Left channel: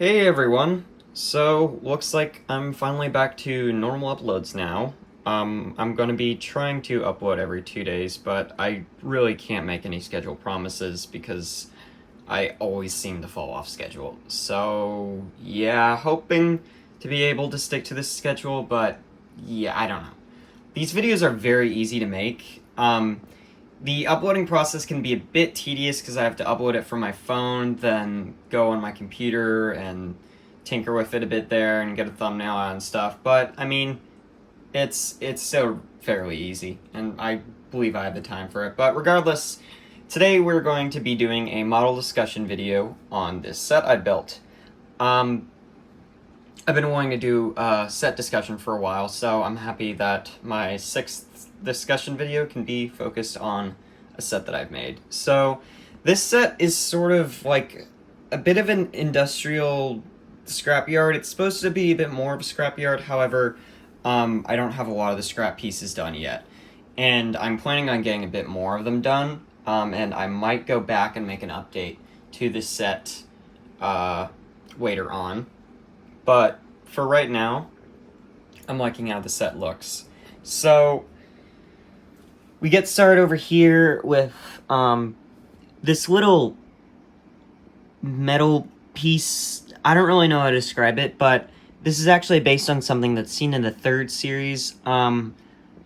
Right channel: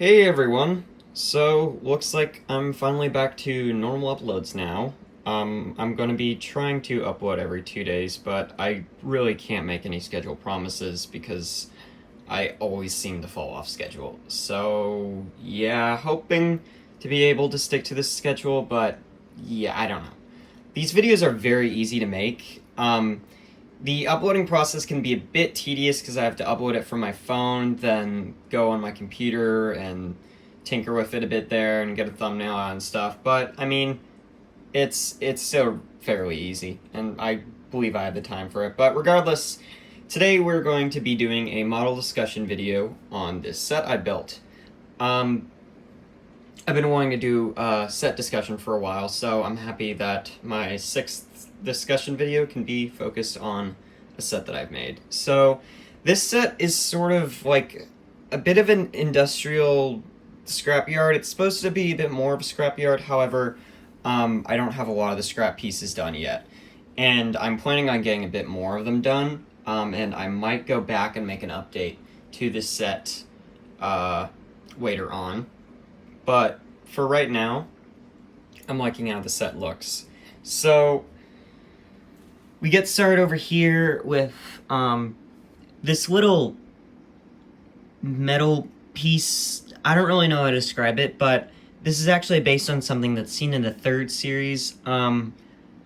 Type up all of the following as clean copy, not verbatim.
Hey everyone! So, looks like I'm finally back to normal uploads now. I'm gonna be trying to upload every 2 days, but I really can't make any schedule promises because I always seem to fall off schedule. So, yeah, hoping to be able to stick to this schedule, but yeah, I don't know. These videos are very easy to make. The uploading process can be a bit tedious because I have to upload it from my phone, then go on my computer and tinker with it a bit there and get a thumbnail out and stuff. But I mean, it's still fairly easy, and I believe I have the time for it. But regardless, today we're going to be doing a model discussion video on this set I built. I've been wanting to do a set discussion for a while, so I'm happy that my sixth discussion video can be focused on a set that I've made. So this set is sort of like a bit of an industrial scrapyard. It's supposed to be a bit more of a scrapyard, however, I don't have a lot of the scrap pieces done yet. And I'm planning on getting a bit more of them done, and I might go back and make an update to this set later on. But for right now, I'm liking how the set looks. So we get started over here with this little metal piece. I don't really know how to describe it, but this is actually based on something that's seen in the third series.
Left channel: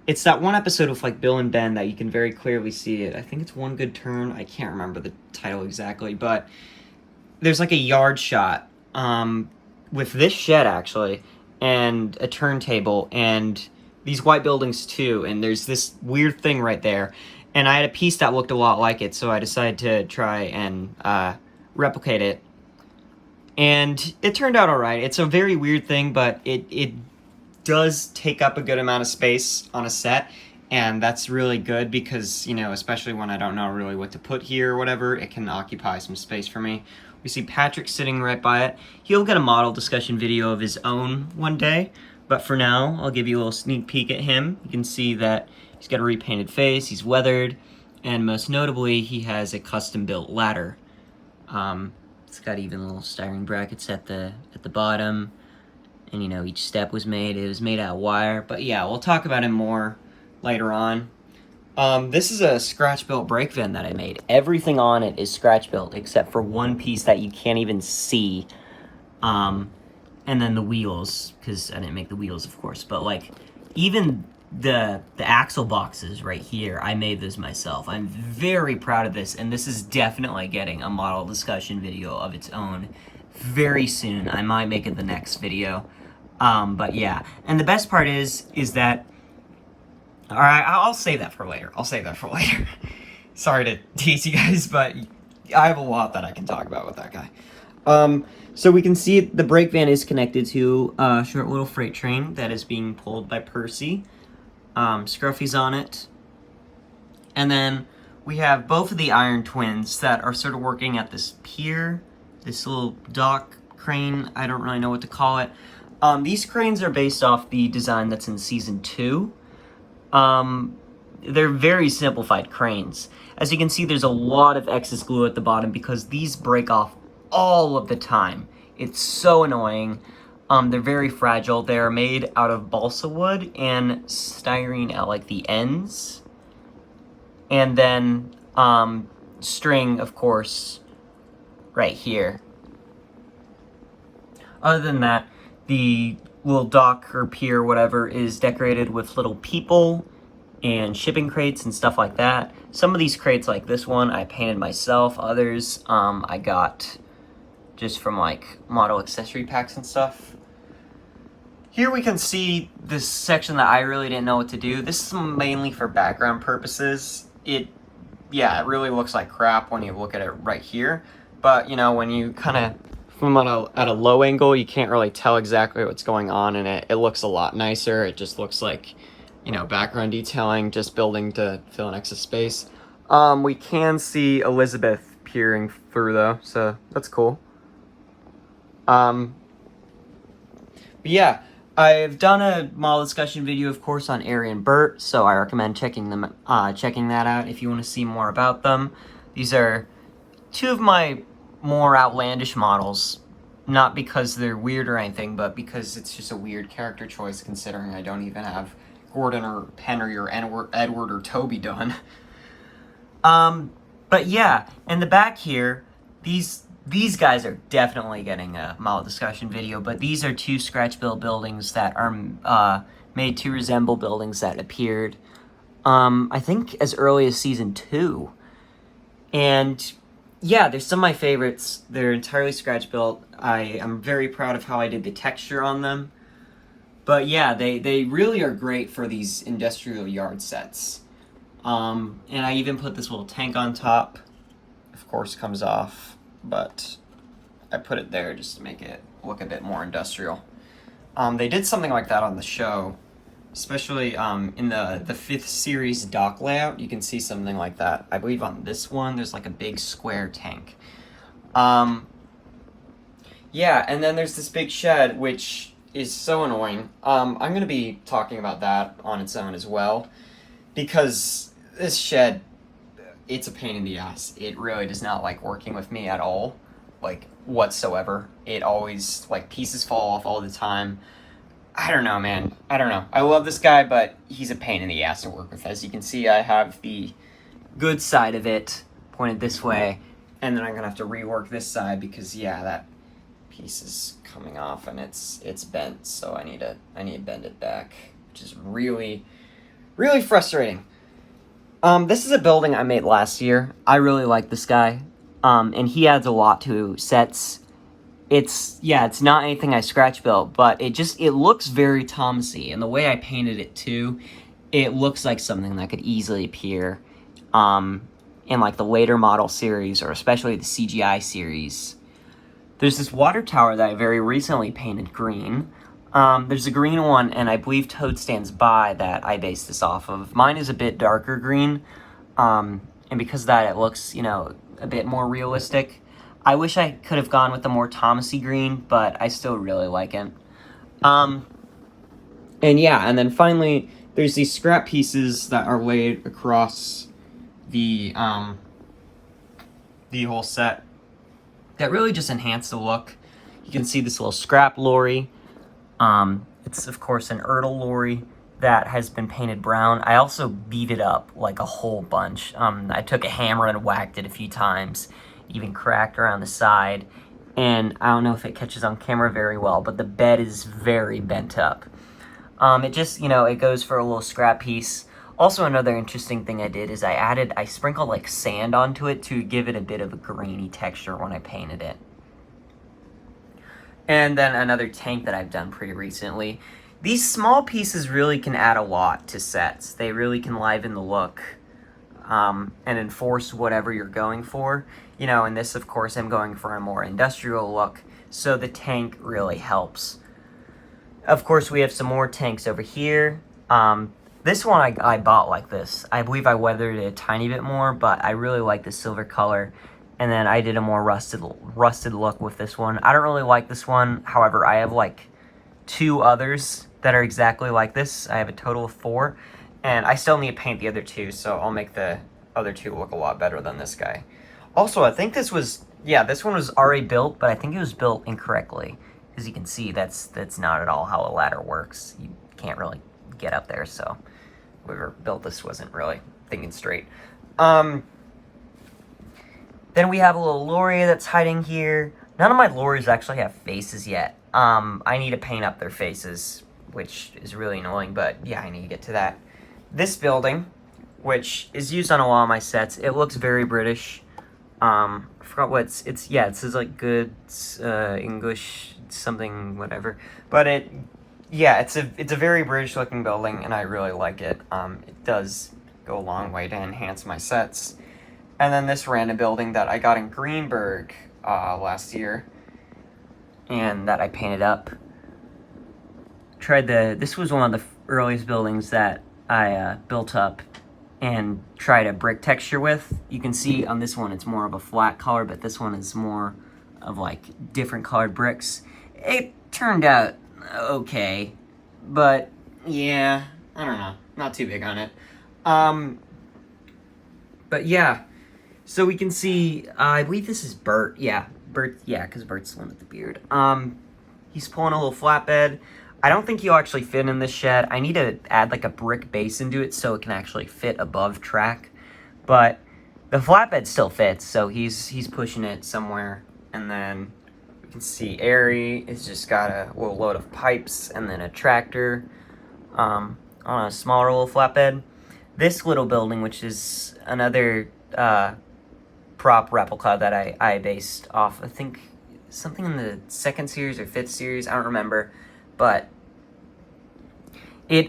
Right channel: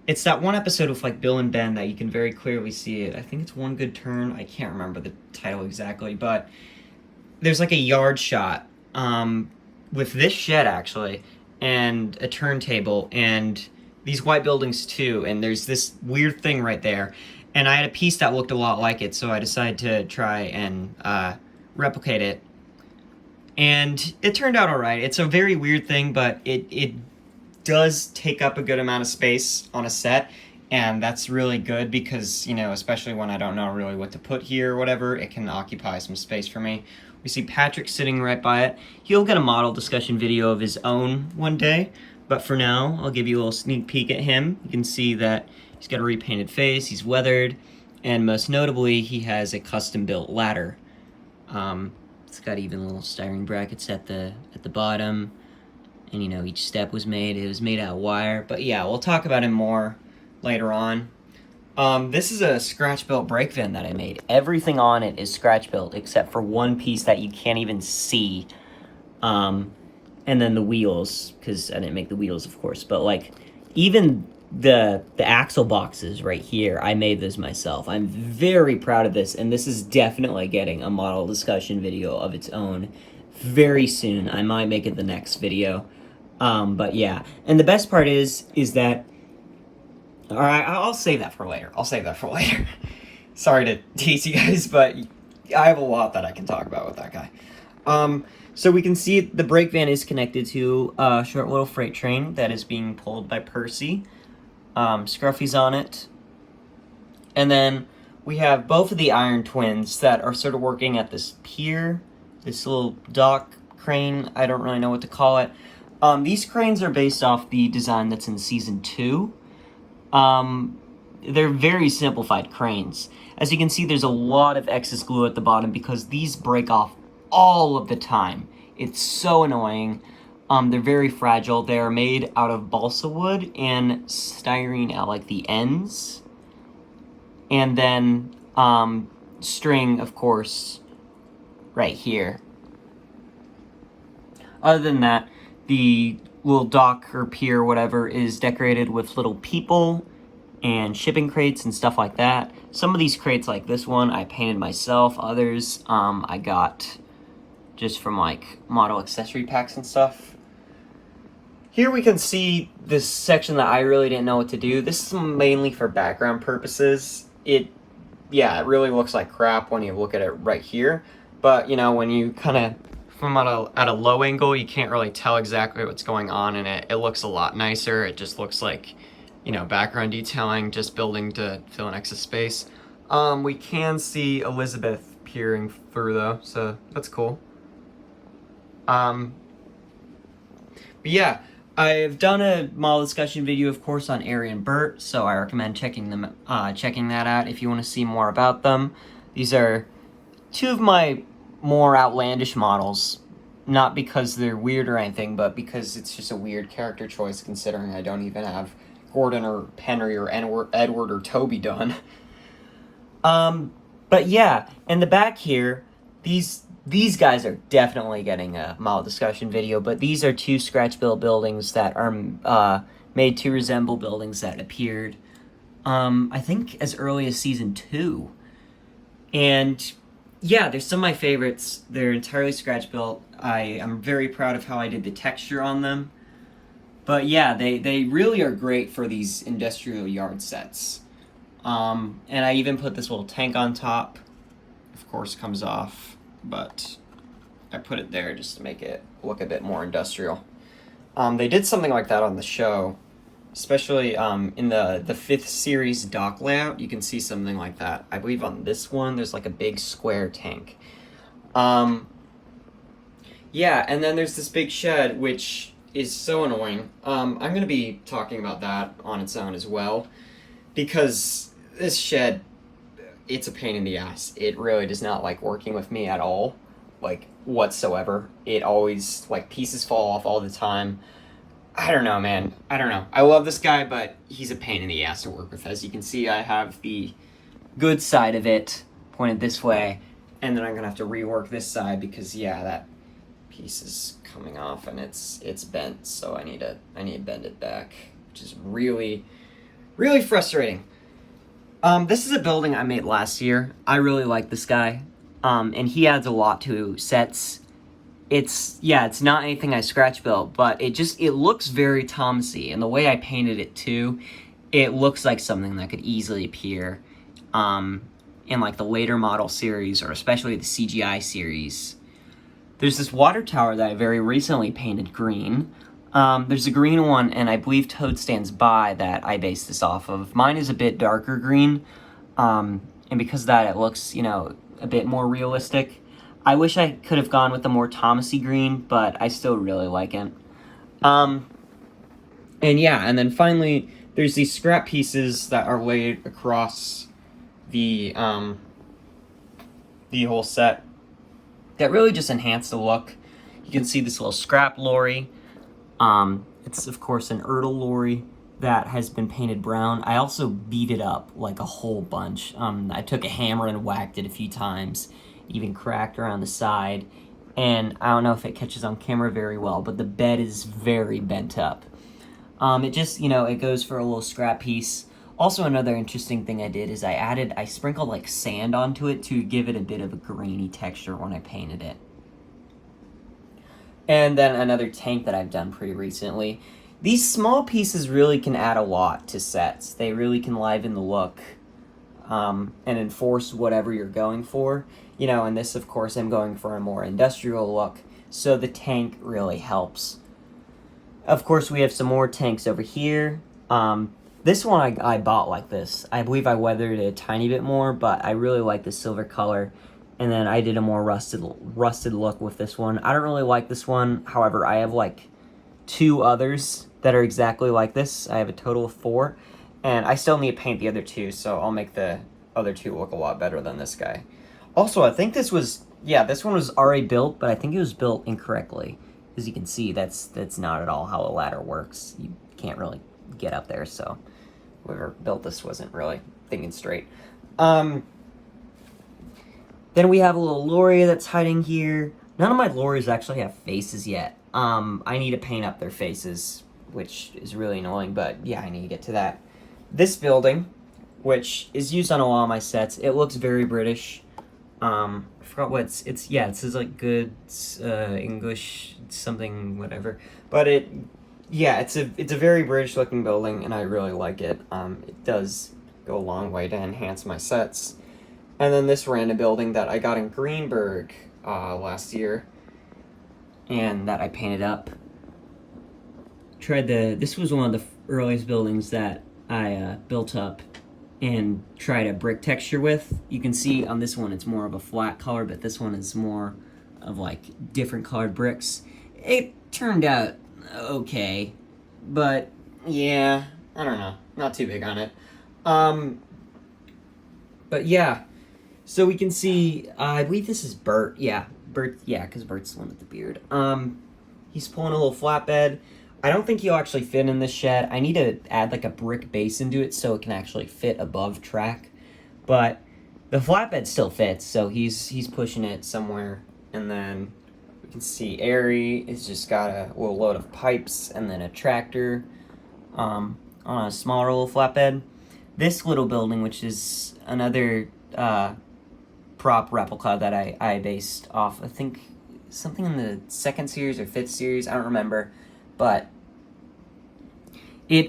It's that one episode with like Bill and Ben that you can very clearly see it. I think it's One Good Turn. I can't remember the title exactly, but there's like a yard shot with this shed actually, and a turntable, and these white buildings too, and there's this weird thing right there. And I had a piece that looked a lot like it, so I decided to try and replicate it. And it turned out alright. It's a very weird thing, but it does take up a good amount of space on a set, and that's really good because, you know, especially when I don't know really what to put here or whatever, it can occupy some space for me. We see Patrick sitting right by it. He'll get a model discussion video of his own one day, but for now, I'll give you a little sneak peek at him. You can see that he's got a repainted face, he's weathered, and most notably, he has a custom-built ladder. It's got even little styrene brackets at the bottom, and you know, each step was made. It was made out of wire, but yeah, we'll talk about him more later on. This is a scratch-built brake van that I made. Everything on it is scratch-built except for one piece that you can't even see. And then the wheels, because I didn't make the wheels, of course. But, like, even the axle boxes right here, I made those myself. I'm very proud of this, and this is definitely getting a model discussion video of its own very soon. I might make it the next video. But, yeah. And the best part is that... Alright, I'll save that for later. Sorry to tease you guys, but I have a lot that I can talk about with that guy. So we can see the brake van is connected to a short little freight train that is being pulled by Percy. Scruffy's on it. And then we have both of the Iron Twins that are sort of working at this pier, this little dock crane, I don't really know what to call it. These cranes are based off the design that's in Season 2. They're very simplified cranes. As you can see, there's a lot of excess glue at the bottom because these break off all of the time. It's so annoying. They're very fragile. They're made out of balsa wood and styrene at like the ends. And then string, of course, right here. Other than that, the little dock or pier or whatever is decorated with little people and shipping crates and stuff like that. Some of these crates, like this one, I painted myself. Others, I got just from like model accessory packs and stuff. Here we can see this section that I really didn't know what to do. This is mainly for background purposes. It really looks like crap when you look at it right here. But, you know, when you kind of from at a low angle, you can't really tell exactly what's going on in it. It looks a lot nicer. It just looks like, you know, background detailing, just building to fill an excess space. We can see Elizabeth peering through though, so that's cool. Yeah, I've done a model discussion video, of course, on Ari and Bert, so I recommend checking that out if you want to see more about them. These are two of my more outlandish models Not because they're weird or anything, but because it's just a weird character choice considering I don't even have Gordon or Henry or Edward or Toby done. But yeah, in the back here, these guys are definitely getting a mild discussion video, but these are two scratch built buildings that are made to resemble buildings that appeared, I think as early as season 2. And yeah, they're some of my favorites. They're entirely scratch built. I'm very proud of how I did the texture on them. But yeah, they really are great for these industrial yard sets. And I even put this little tank on top. Of course, comes off, but I put it there just to make it look a bit more industrial. They did something like that on the show, especially in the 5th series dock layout. You can see something like that. I believe on this one, there's like a big square tank. Yeah, and then there's this big shed, which is so annoying. I'm going to be talking about that on its own as well, because this shed, it's a pain in the ass. It really does not like working with me at all, like whatsoever. It always, like, pieces fall off all the time. I don't know, man. I don't know. I love this guy, but he's a pain in the ass to work with. As you can see, I have the good side of it pointed this way, and then I'm gonna have to rework this side because, yeah, that piece is coming off and it's bent, so I need to bend it back, which is really, really frustrating. This is a building I made last year. I really like this guy, and he adds a lot to sets. It's not anything I scratch built, but it looks very Thomasy, and the way I painted it too, it looks like something that could easily appear in like the later model series, or especially the CGI series. There's this water tower that I very recently painted green. There's a green one, and I believe Toad Stands By that I based this off of. Mine is a bit darker green, and because of that, it looks, a bit more realistic. I wish I could have gone with a more Thomasy green, but I still really like it. And yeah, and then finally, there's these scrap pieces that are laid across the whole set that really just enhance the look. You can see this little scrap lorry. It's, of course, an Ertl lorry that has been painted brown. I also beat it up, like, a whole bunch. I took a hammer and whacked it a few times, even cracked around the side, and I don't know if it catches on camera very well, but the bed is very bent up. It just, it goes for a little scrap piece. Also, another interesting thing I did is I sprinkled like sand onto it to give it a bit of a grainy texture when I painted it. And then another tank that I've done pretty recently. These small pieces really can add a lot to sets. They really can liven the look and enforce whatever you're going for. And this, of course, I'm going for a more industrial look, so the tank really helps. Of course, we have some more tanks over here. This one I bought like this. I believe I weathered it a tiny bit more, but I really like the silver color. And then I did a more rusted look with this one. I don't really like this one. However, I have like 2 others that are exactly like this. I have a total of 4. And I still need to paint the other 2, so I'll make the other 2 look a lot better than this guy. Also, I think this one was already built, but I think it was built incorrectly. As you can see, that's not at all how a ladder works. You can't really get up there, so whoever built this wasn't really thinking straight. Then we have a little lorry that's hiding here. None of my lorries actually have faces yet. I need to paint up their faces, which is really annoying, but yeah, I need to get to that. This building, which is used on a lot of my sets, it looks very British. I forgot what it says like good English something whatever, but it's a very British looking building, and I really like it. It does go a long way to enhance my sets. And then this random building that I got in Greenberg last year, and that I painted up. This was one of the earliest buildings that I built up and tried a brick texture with. You can see on this one it's more of a flat color, but this one is more of like different colored bricks. It turned out okay, but yeah, I don't know, not too big on it. But yeah, so we can see, I believe this is Bert, yeah, Bert, yeah, because Bert's the one with the beard. He's pulling a little flatbed. I don't think he'll actually fit in this shed. I need to add like a brick base into it so it can actually fit above track. But the flatbed still fits, so he's pushing it somewhere. And then we can see Airy has just got a little load of pipes and then a tractor on a smaller little flatbed. This little building, which is another prop replica that I based off, I think something in the 2nd series or 5th series, I don't remember, but it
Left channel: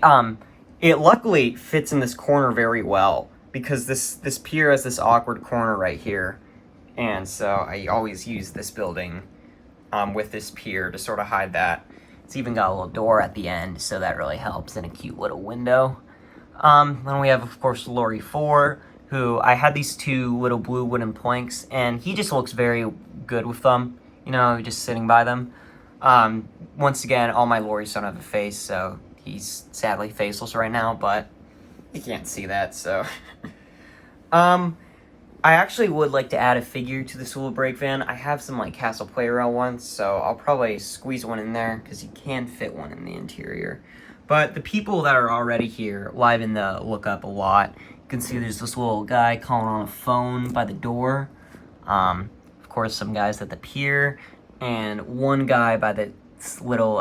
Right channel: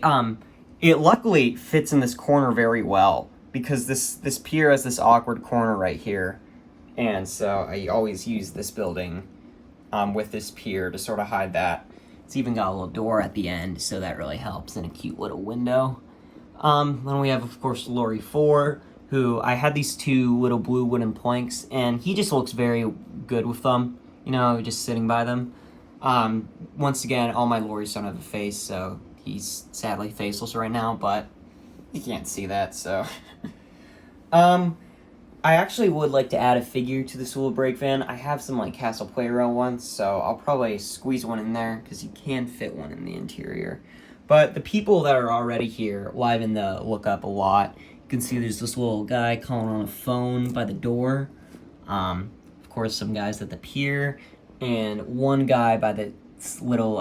luckily fits in this corner very well, because this pier has this awkward corner right here, and so I always use this building with this pier to sort of hide that. It's even got a little door at the end, so that really helps, and a cute little window. Then we have, of course, Lori 4, who I had these 2 little blue wooden planks, and he just looks very good with them, you know, just sitting by them. Once again, all my Loris don't have a face, so he's sadly faceless right now, but you can't see that, so. I actually would like to add a figure to this little brake van. I have some like Castle Playrow ones, so I'll probably squeeze one in there because you can fit one in the interior. But the people that are already here liven the look up a lot. You can see there's this little guy calling on a phone by the door. Of course, some guys at the pier, and one guy by the little,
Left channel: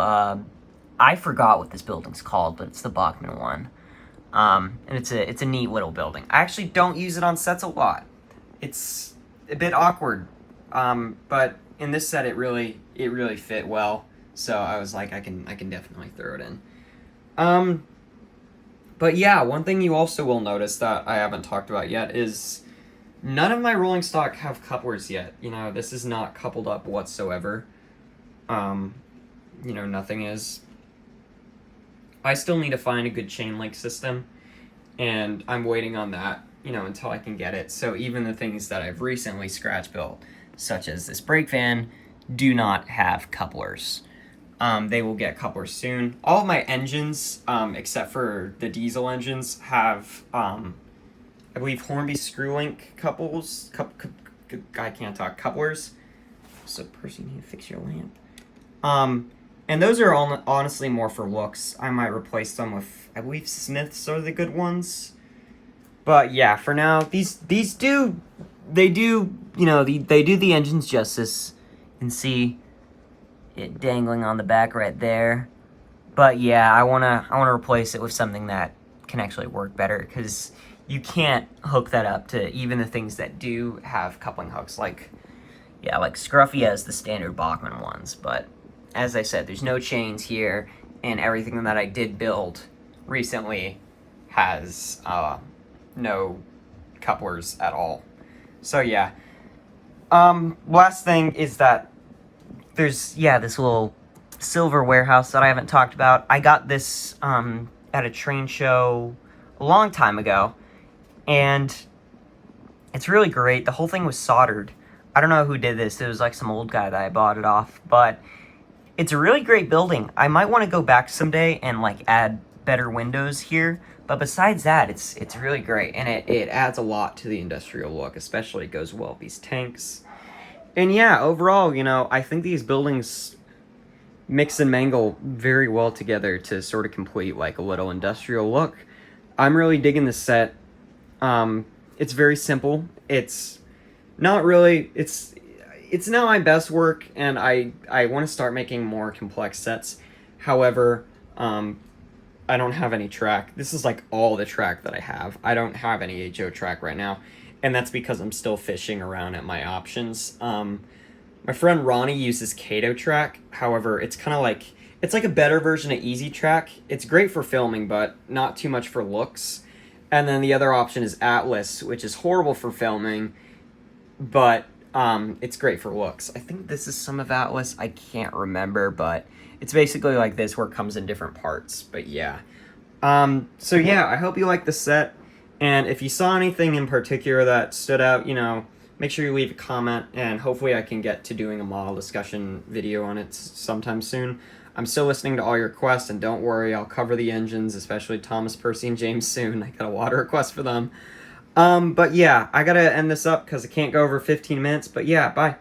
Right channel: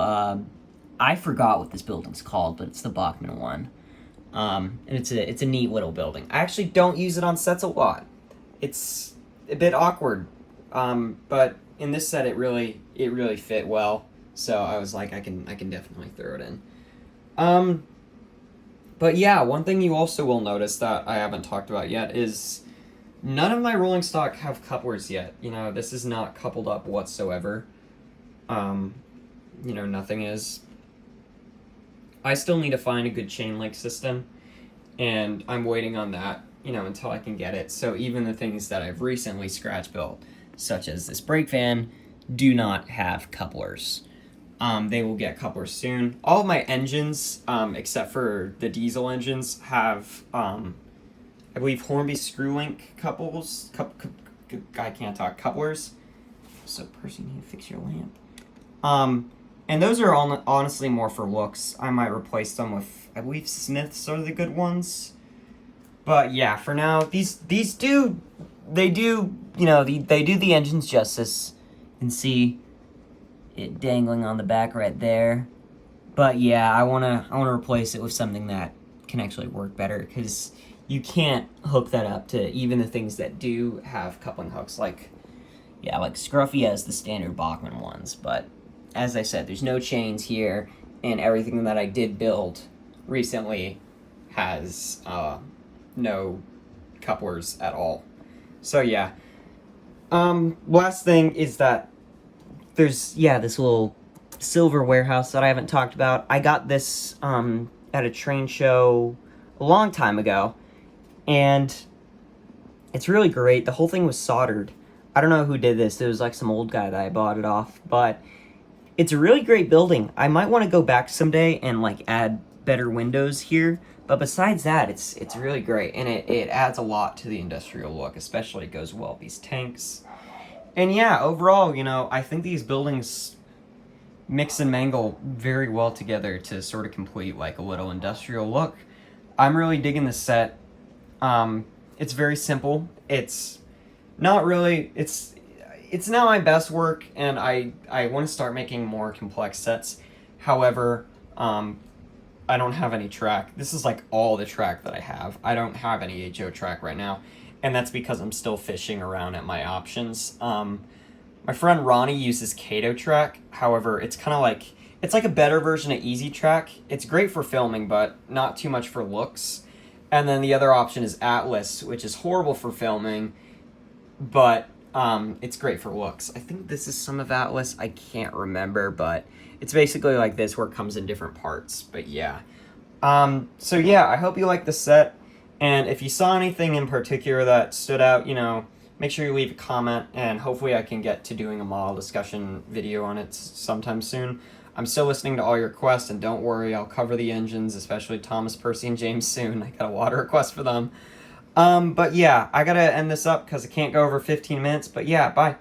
I forgot what this building's called, but it's the Bachman one. And it's a neat little building. I actually don't use it on sets a lot. It's a bit awkward, but in this set it really fit well. So I was like, I can definitely throw it in. But yeah, one thing you also will notice that I haven't talked about yet is none of my rolling stock have couplers yet. You know, this is not coupled up whatsoever. You know, nothing is. I still need to find a good chain link system, and I'm waiting on that, you know, until I can get it. So even the things that I've recently scratch built, such as this brake van, do not have couplers. They will get couplers soon. All of my engines, except for the diesel engines, have, I believe, Hornby screw link couples. I can't talk, couplers. So, person, you need to fix your lamp. And those are all honestly more for looks. I might replace them with, I believe, Smiths are the good ones. But yeah, for now, these do, you know, they do the engines justice. You can see it dangling on the back right there. But yeah, I wanna replace it with something that can actually work better, because you can't hook that up to even the things that do have coupling hooks. Like, yeah, like Scruffy has the standard Bachman ones, but as I said, there's no chains here, and everything that I did build recently has no couplers at all. So yeah. Last thing is that there's, yeah, this little silver warehouse that I haven't talked about. I got this at a train show a long time ago, and it's really great. The whole thing was soldered. I don't know who did this. It was like some old guy that I bought it off, but it's a really great building. I might want to go back someday and like add better windows here, but besides that, it's really great, and it adds a lot to the industrial look. Especially it goes well with these tanks. And yeah, overall, you know, I think these buildings mix and mangle very well together to sort of complete like a little industrial look. I'm really digging this set. It's very simple. It's not really, it's not my best work, and I want to start making more complex sets. However, I don't have any track. This is like all the track that I have. I don't have any HO track right now, and that's because I'm still fishing around at my options. My friend Ronnie uses Kato track. However, it's kind of like, it's like a better version of Easy Track. It's great for filming, but not too much for looks. And then the other option is Atlas, which is horrible for filming, but it's great for looks. I think this is some of Atlas. I can't remember, but it's basically like this, where it comes in different parts. But yeah. So yeah, I hope you like the set. And if you saw anything in particular that stood out, you know, make sure you leave a comment, and hopefully I can get to doing a model discussion video on it sometime soon. I'm still listening to all your requests, and don't worry, I'll cover the engines, especially Thomas, Percy, and James soon. I got a lot of requests for them. But yeah, I gotta end this up because I can't go over 15 minutes. But yeah, bye.